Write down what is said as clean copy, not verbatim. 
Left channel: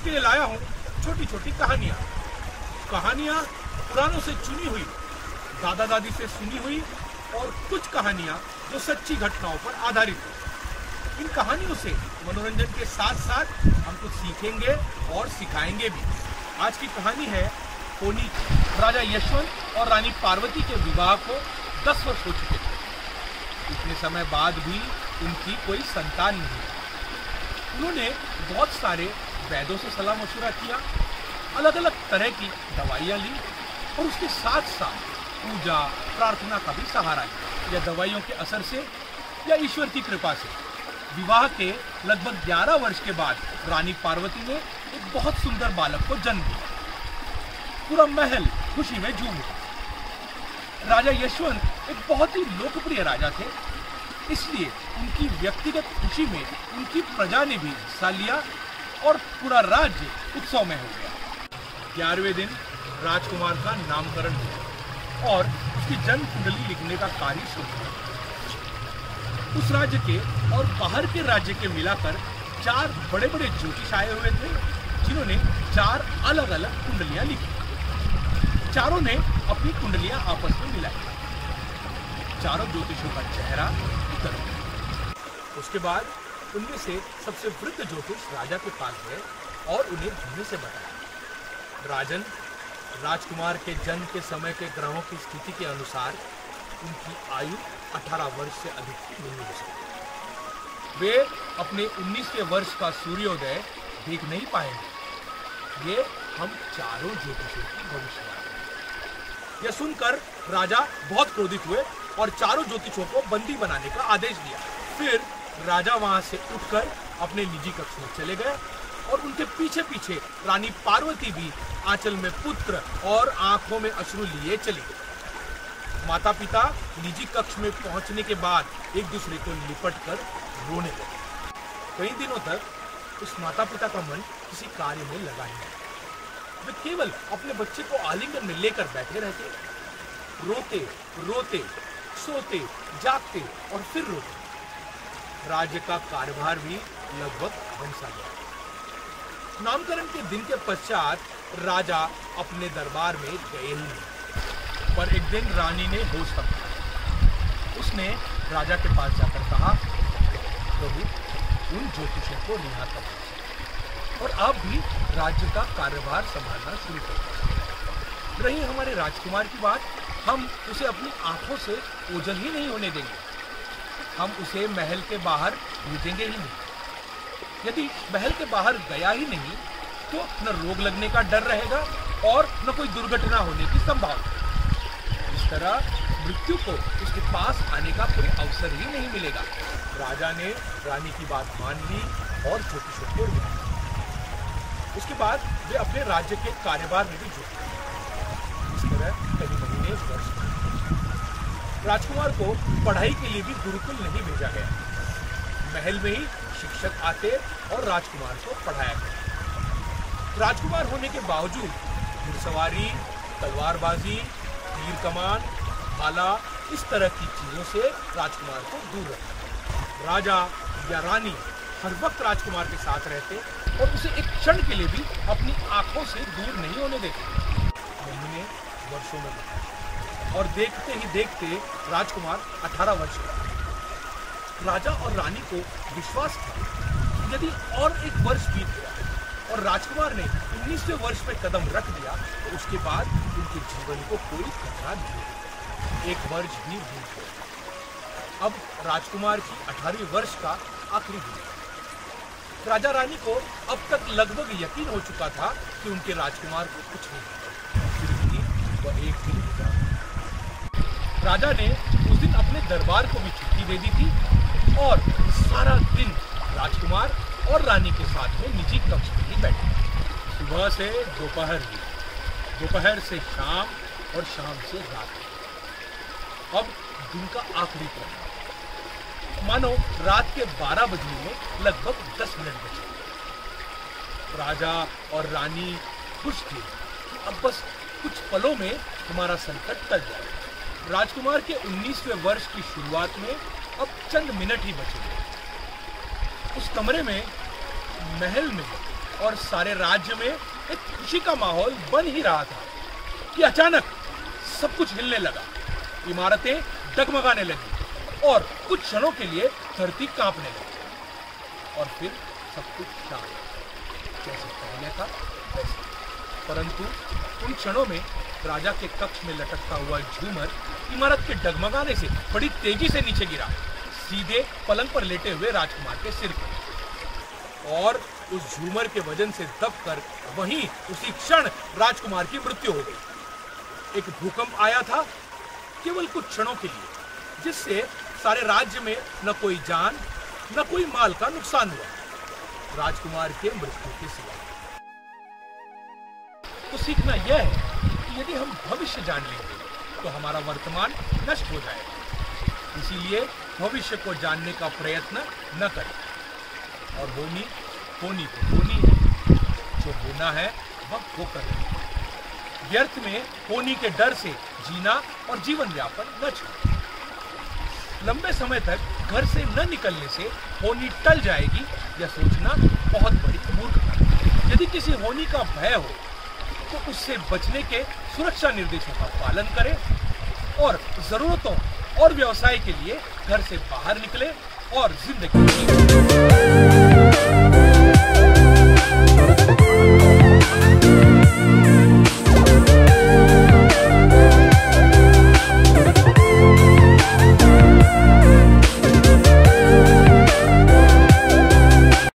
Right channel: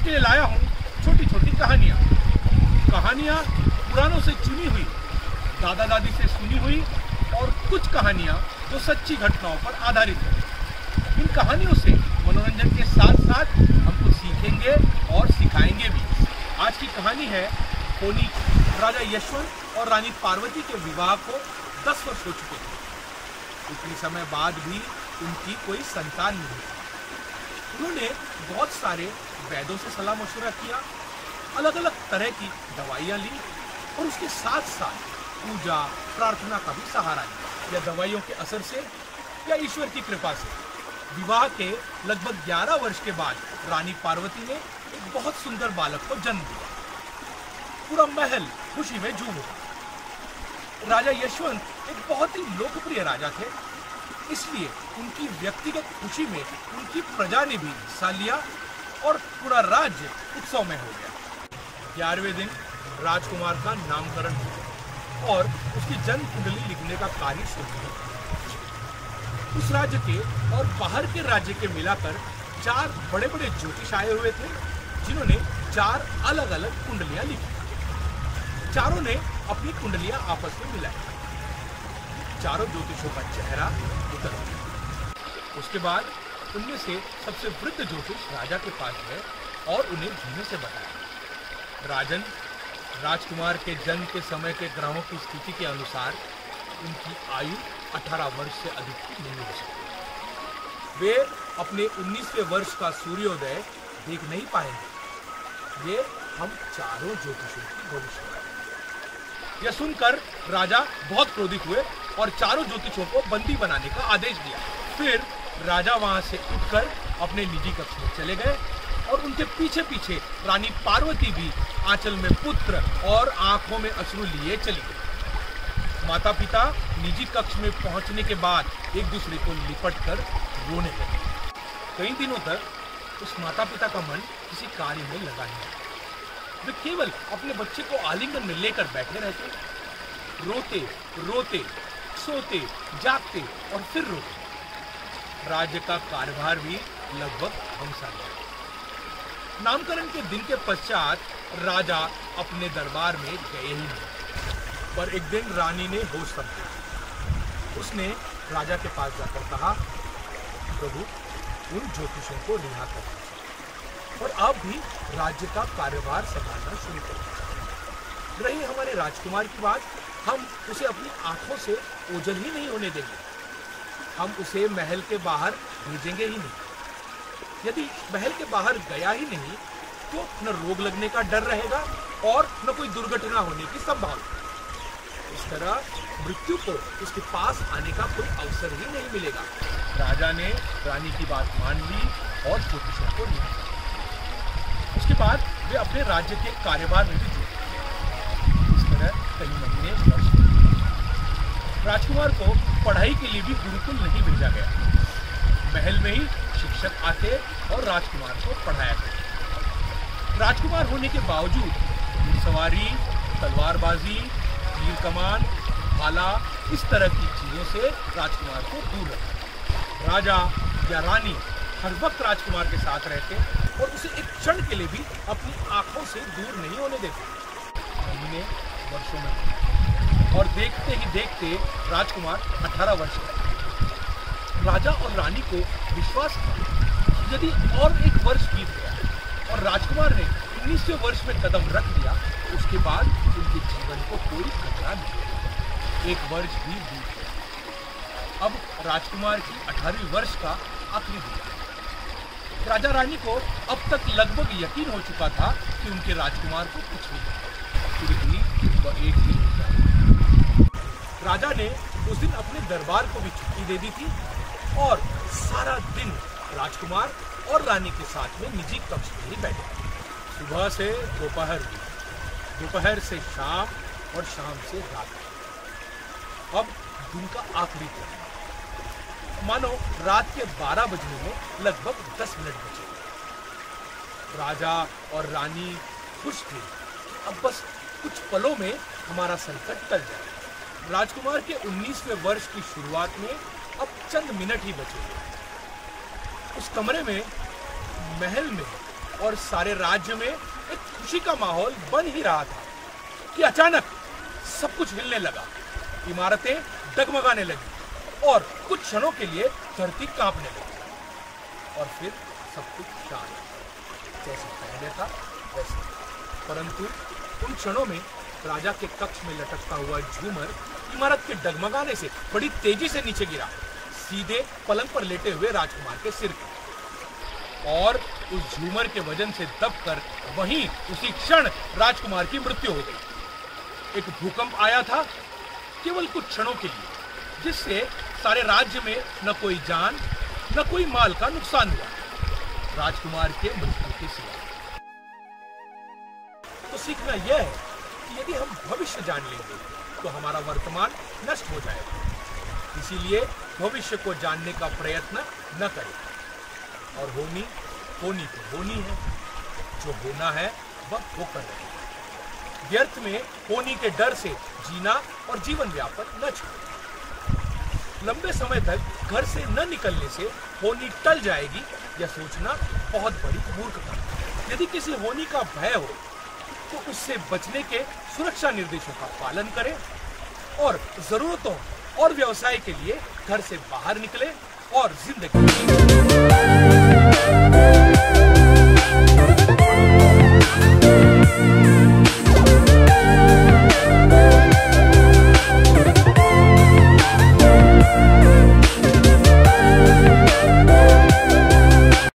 आपके लिए लाया हूँ छोटी छोटी कहानियाँ पुरानों से चुनी हुई, दादा दादी से सुनी हुई और कुछ कहानियाँ जो सच्ची घटनाओं पर आधारित हैं। इन कहानियों से मनोरंजन के साथ साथ हम कुछ सीखेंगे और सिखाएंगे भी। आज की कहानी है होनी की। राजा यशवंत और रानी पार्वती के विवाह को 10 वर्ष हो चुके थे। इतने समय बाद भी उनकी कोई संतान नहीं। उन्होंने बहुत सारे वैद्यों से सलाह मशवरा किया, अलग अलग तरह की दवाइयाँ ली और उसके साथ साथ पूजा प्रार्थना का भी सहारा लिया। या दवाइयों के असर से या ईश्वर की कृपा से विवाह के लगभग 11 वर्ष के बाद रानी पार्वती ने एक बहुत सुंदर बालक को जन्म दिया। पूरा महल खुशी में झूम उठा। राजा यशवंत एक बहुत ही लोकप्रिय राजा थे, इसलिए उनकी व्यक्तिगत खुशी में उनकी प्रजा ने भी हिस्सा लिया और पूरा राज्य उत्सव में हो गया। 11वें दिन राजकुमार का नामकरण हुआ और उसकी जन्म कुंडली लिखने का कार्य शुरू हुआ। उस राज्य के और बाहर के राज्य के मिलाकर 4 बड़े बड़े ज्योतिष आए हुए थे, जिन्होंने 4 अलग अलग कुंडलियां लिखी। चारों ने अपनी कुंडलियां आपस में मिलाई। चारों ज्योतिषों का चेहरा उतर गया। उसके बाद उनमें से सबसे वृद्ध ज्योतिष राजा के पास गए और उन्हें धीमे से बताया, राजन, राजकुमार के जन्म के समय के ग्रहों की स्थिति के अनुसार उनकी आयु 18 वर्ष से अधिक नहीं हो सकती। वे अपने 19वें वर्ष का सूर्योदय देख नहीं पाएंगे। ये हम चारों ज्योतिषों की भविष्यवाणी। यह सुनकर राजा बहुत क्रोधित हुए और चारों ज्योतिषों को बंदी बनाने का आदेश दिया। फिर राजा वहां से उठकर अपने निजी कक्ष में चले गए और उनके पीछे पीछे रानी पार्वती भी आंचल में पुत्र और आंखों में अश्रु लिए चली गई। माता पिता निजी कक्ष में पहुंचने के बाद एक दूसरे को लिपटकर रोने लगे। कई दिनों तक उस माता पिता का मन किसी कार्य में लगा नहीं। वे केवल अपने बच्चे को आलिंगन में लेकर बैठे रहते, रोते रोते सोते जागते और फिर रोते। राज्य का कार्यभार भी लगभग थम-सा गया। नामकरण के दिन के पश्चात राजा अपने दरबार में गए ही नहीं, पर एक दिन रानी ने होश संभाला। उसने राजा के पास जाकर कहा, प्रभु, उन ज्योतिषों को रिहा कर दीजिए और आप भी राज्य का कार्यभार संभालना शुरू कर दीजिए। रही हमारे राजकुमार की बात, हम उसे अपनी आंखों से ओझल ही नहीं होने देंगे। हम उसे महल के बाहर भेजेंगे ही नहीं। यदि महल के बाहर गया ही नहीं तो न रोग लगने का डर रहेगा और न कोई दुर्घटना होने की संभावना। इस तरह मृत्यु को उसके पास आने का कोई अवसर ही नहीं मिलेगा। राजा ने रानी की बात मान ली और ज्योतिषों को रिहा किया। उसके बाद वे अपने राज्य के कार्यभार में भी जुट गए। इस तरह कई महीने वर्ष राजकुमार को पढ़ाई के लिए भी गुरुकुल नहीं भेजा गया। महल में ही शिक्षक आते और राजकुमार को पढ़ाया करते। राजकुमार होने के बावजूद घुड़सवारी, तलवारबाजी, तीर कमान, भाला, इस तरह की चीजों से राजकुमार को दूर रखा। राजा या रानी हर वक्त राजकुमार के साथ रहते और उसे एक क्षण के लिए भी अपनी आंखों से दूर नहीं होने देते। महीने वर्षों में और देखते ही देखते राजकुमार 18 वर्ष का। राजा और रानी को विश्वास था यदि और एक वर्ष बीत गया और राजकुमार ने 19वें वर्ष में कदम रख दिया तो उसके बाद उनके जीवन को कोई खतरा नहीं होगा। एक वर्ष भी बीत गया। अब राजकुमार की 18वें वर्ष का आखिरी दिन। राजा रानी को अब तक लगभग यकीन हो चुका था कि उनके राजकुमार को कुछ नहीं होगा। फिर भी वह एक दिन गुजरा। राजा ने उस दिन अपने दरबार को भी छुट्टी दे दी थी और सारा दिन राजकुमार और रानी के साथ में निजी कक्ष में ही बैठे। सुबह से दोपहर हुई, दोपहर से शाम और शाम से रात। अब दिन का आखिरी पहर, मानो रात के 12 बजने में लगभग 10 मिनट बचे। राजा और रानी खुश थे कि अब बस कुछ पलों में हमारा संकट टल जाए। राजकुमार के 19वें वर्ष की शुरुआत में अब चंद मिनट ही बचे हुए। उस कमरे में, महल में और सारे राज्य में एक खुशी का माहौल बन ही रहा था कि अचानक सब कुछ हिलने लगा, इमारतें डगमगाने लगी और कुछ क्षणों के लिए धरती कांपने लगी और फिर सब कुछ शांत, जैसे पहले था वैसे। परंतु उन क्षणों में राजा के कक्ष में लटकता हुआ झूमर इमारत के डगमगाने से बड़ी तेजी से नीचे गिरा, सीधे पलंग पर लेटे हुए राजकुमार के सिर पर, और उस झूमर के वजन से दबकर वहीं उसी क्षण राजकुमार की मृत्यु हो गई। एक भूकंप आया था केवल कुछ क्षणों के लिए, जिससे सारे राज्य में न कोई जान न कोई माल का नुकसान हुआ, राजकुमार के मृत्यु के सिवा। तो सीखना यह है कि यदि हम भविष्य जान लेंगे तो हमारा वर्तमान नष्ट हो जाएगा। इसीलिए भविष्य को जानने का प्रयत्न न करें। और होनी तो होनी है, जो होना है वह होकर रहेगा। व्यर्थ में होनी के डर से जीना और जीवन यापन न छोड़ें। लंबे समय तक घर से न निकलने से होनी टल जाएगी, यह सोचना बहुत बड़ी मूर्खता है। यदि किसी होनी का भय हो तो उससे बचने के सुरक्षा निर्देशों का पालन करें और जरूरतों और व्यवसाय के लिए घर से बाहर निकले और जिंदगी जिए।